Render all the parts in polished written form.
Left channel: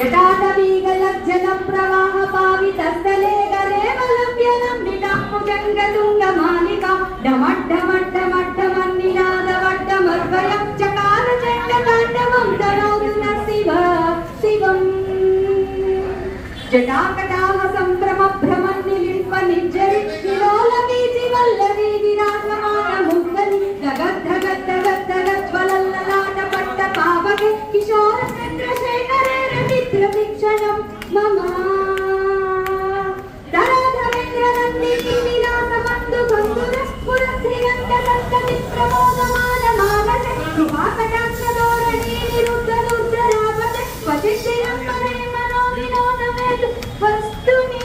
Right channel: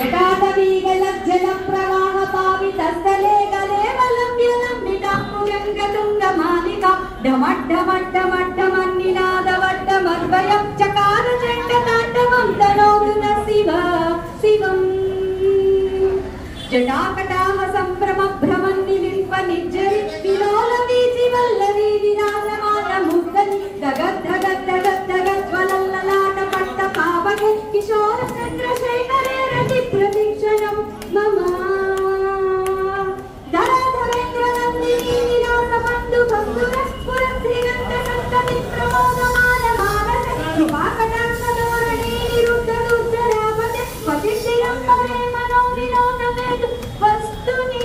जटाटवीगलज्जलं प्रवाहपावितस्थले गलेवलम्ब्यलम्बिताम्बुजङ्गतुङ्गमालिका डमड्डमड्डमड्डमन्निनादवड्डमर्वयं चकार चैत्यताण्डवं तनोतु न शिवम् जटाकटाह सम्भ्रमभ्रमन्निलिम्पनिज्जरि विलोलवीचिवल्लरी विराजमानमुग्धरि धगद्धगद्धगद्धगज्ज्वलल्ललाटपट्टपावके किशोरचन्द्रशेखरे रतिप्रतीक्षणं मम धराधरेन्द्रनन्दिनी विलासबन्धुबन्धुरस्फुरश्रीगन्धसन्तमिप्रमोदमानमानसे कृपाकटाक्षधोरणी निरुद्धरुद्ररापते क्वचिश्रियम्बरे मनोविनोदवेदु वस्तुनि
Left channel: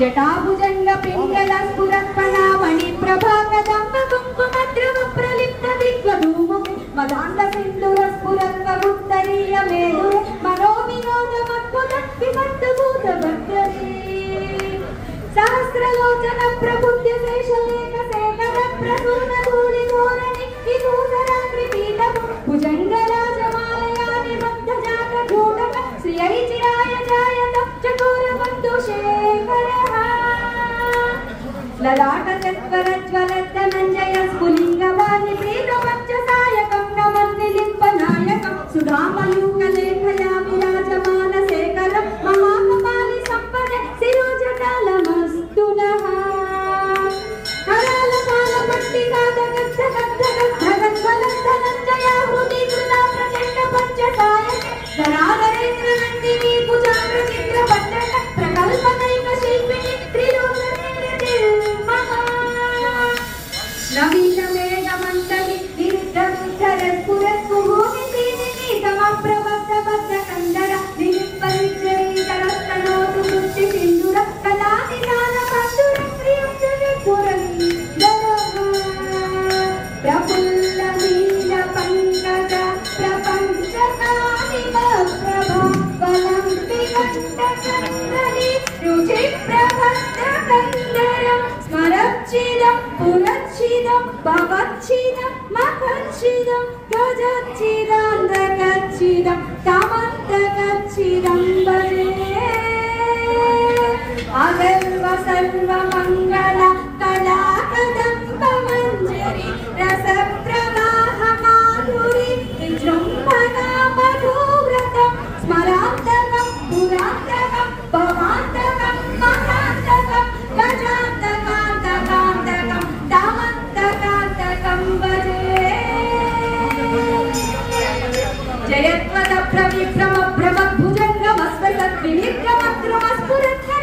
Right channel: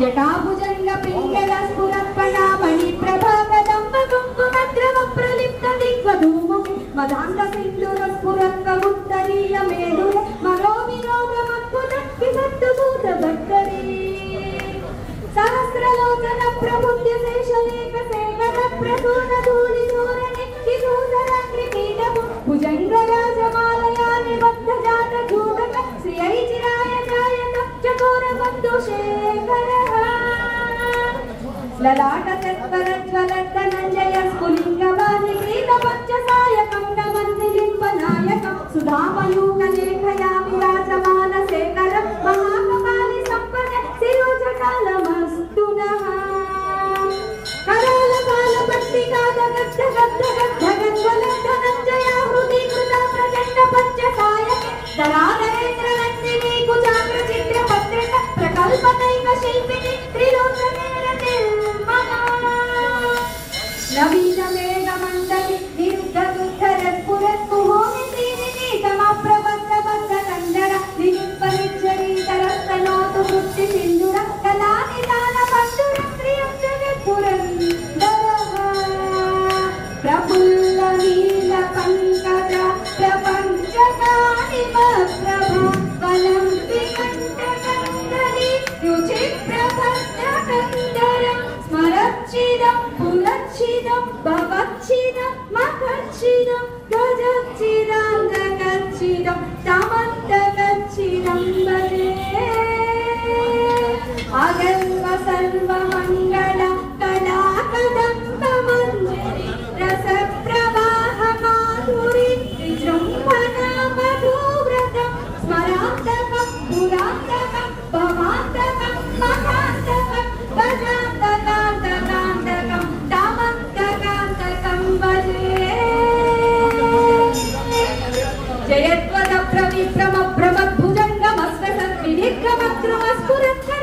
जटाभुजङ्ग पिङ्गलस्फुरत्पणामणि प्रभाकदम्ब कुङ्कुमद्रव प्रलिप्त दिग्वधूमो मदान्तसिन्दुरस्फुरत्वमुत्तरीयमेदु मनोविनोदमद्भुत विभक्तभूतभक्तरी सहस्रलोचन प्रबुद्ध शेषलेख सेकट प्रसूनधूलिधोरणि विभूषराग्निपीठं भुजङ्गराजमालया निबद्धजात जोटक श्रियै चिराय जायत चकोरबन्धुशेखरः ललाटचत्वरज्वलद्धनञ्जय स्फुलिङ्गवाहिप्रीतपञ्चसायकं नमन्निलिम्पनायकं सुधामयूखलेखया विराजमानशेखर महाकपालि सम्पदे शिरोजटालमस्तु नः करालपालपट्टिकादगद्धगद्धगद्धगज्ज्वलद्धनञ्जया हृदीकृता प्रचण्डपञ्चसायके धराधरेन्द्रनन्दिनी कुचाग्रचित्रपत्रक प्रकल्पदैव शिल्पिनी त्रिलोचनेरतिर्मम नवीनमेघमण्डली गिरिद्धरुद्धरस्फुरत्कुहोमितीनिनी समप्रबद्धबद्धकण्डर निलिम्पनिज्जरीतरस्तनोतु वृत्तिसिन्धुर कलानिदानबन्धुरश्रियं जगत्पुरन्दरः प्रफुल्लनीलपङ्कज प्रपञ्चकानिमप्रभा वलम्बिकण्ठकन्दरी रुचिप्रभद्रकन्दरं स्मरच्चिदं पुलच्चिदं भवच्चिदं मखच्चिदं गजच्चिदान्तकच्चिदं तमन्तकच्चिदं भजे अगल्व सर्वमङ्गल कलाकदम्बमञ्जरी रसप्रवाहमाधुरी विजृम्भणा मधुव्रतं स्मरान्तकं पुरान्तकं भवान्तकं मठान्तकं गजान्तकान्तकान्तकं तामन्तकान्तकं भजे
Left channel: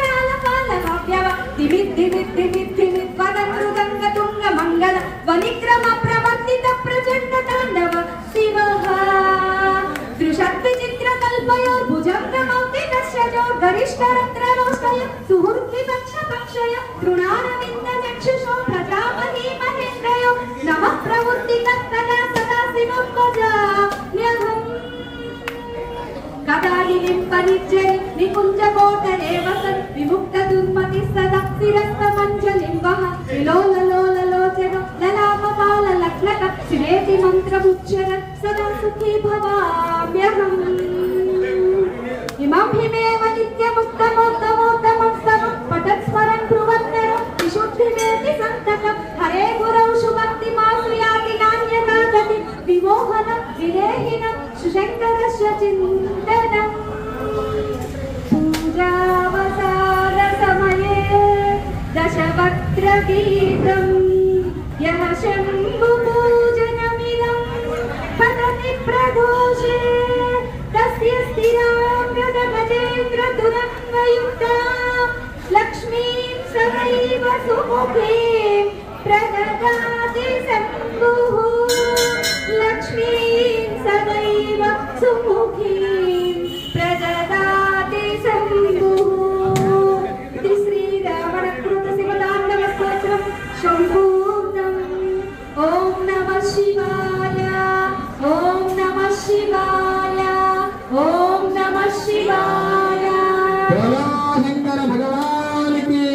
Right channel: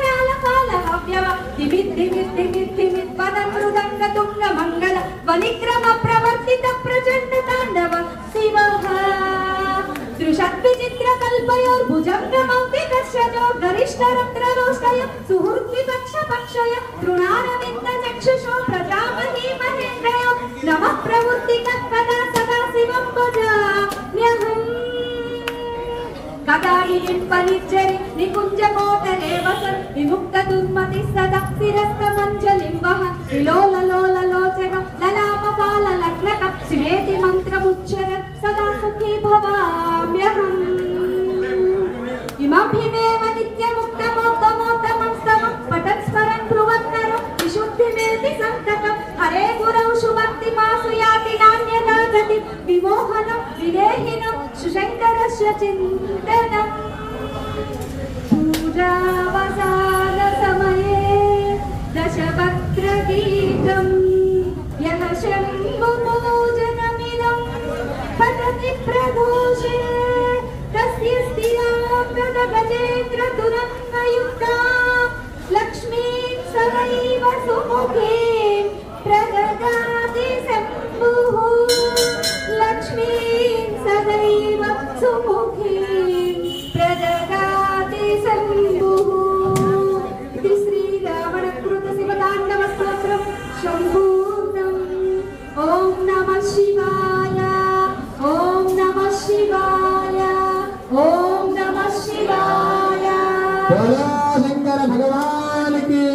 जयत्वदप्रविभ्रमभ्रमद्भुजङ्गमस्वसद्विनिर्गमद्रुमस्फुरत्करालपालमव्यव दिमिद्दिमिद्दिमिद्दिमिद्वदनृदङ्गतुङ्गमङ्गल वनिक्रमप्रवर्तितप्रचण्डताण्डव शिवः दृशद्विचित्रकल्पयोर्भुजङ्गमौक्तिकश्रजो गरिष्ठरन्ध्ररोष्टयो सुहृद्विपक्षपक्षयो तृणारविन्दचक्षुषो प्रजापति महेन्द्रयो नमः प्रवृत्तिकल्पना सदा शिवं भजाम्यहम् कदानिलिम्पनिज्जरि निकुञ्जकोटरे वसन् विमुक्तदुर्मतिः सदा शिरस्तमञ्जलिम्बः विलोललोललोचनं ललामकाललग्नकं शिवेति मन्त्रमुच्चरन् सदा सुखी भवाम्यहम् इमं हिमेव नित्यमुक्तमोत्तमोत्तमं स्तवं पठन् स्मरन् ब्रुवन्नरो विशुद्धिमेति सन्तकं हरे गुरौ शुभक्तिमाश्रियाति नान्यथा गति विमोहनं विदेहिनं सुशङ्करस्य चिन्तनं पूजावसानसमये दशवक्त्रगीतं यः शम्भुपूजनमिदं पठति प्रघोषे तस्य स्थिराङ्गदगजेन्द्रतुरङ्गयुक्ता लक्ष्मीं सदैव सुमुखीं प्रददाति शम्भुः लक्ष्मीं सदैव सुमुखीं प्रददाति शम्भुः इति श्रीरावणकृतशिवताण्डवस्तोत्रं सम्पूर्णम् ॐ नमः शिवाय ॐ नमः शिवाय ॐ नमः शिवाय शंकर भगवान की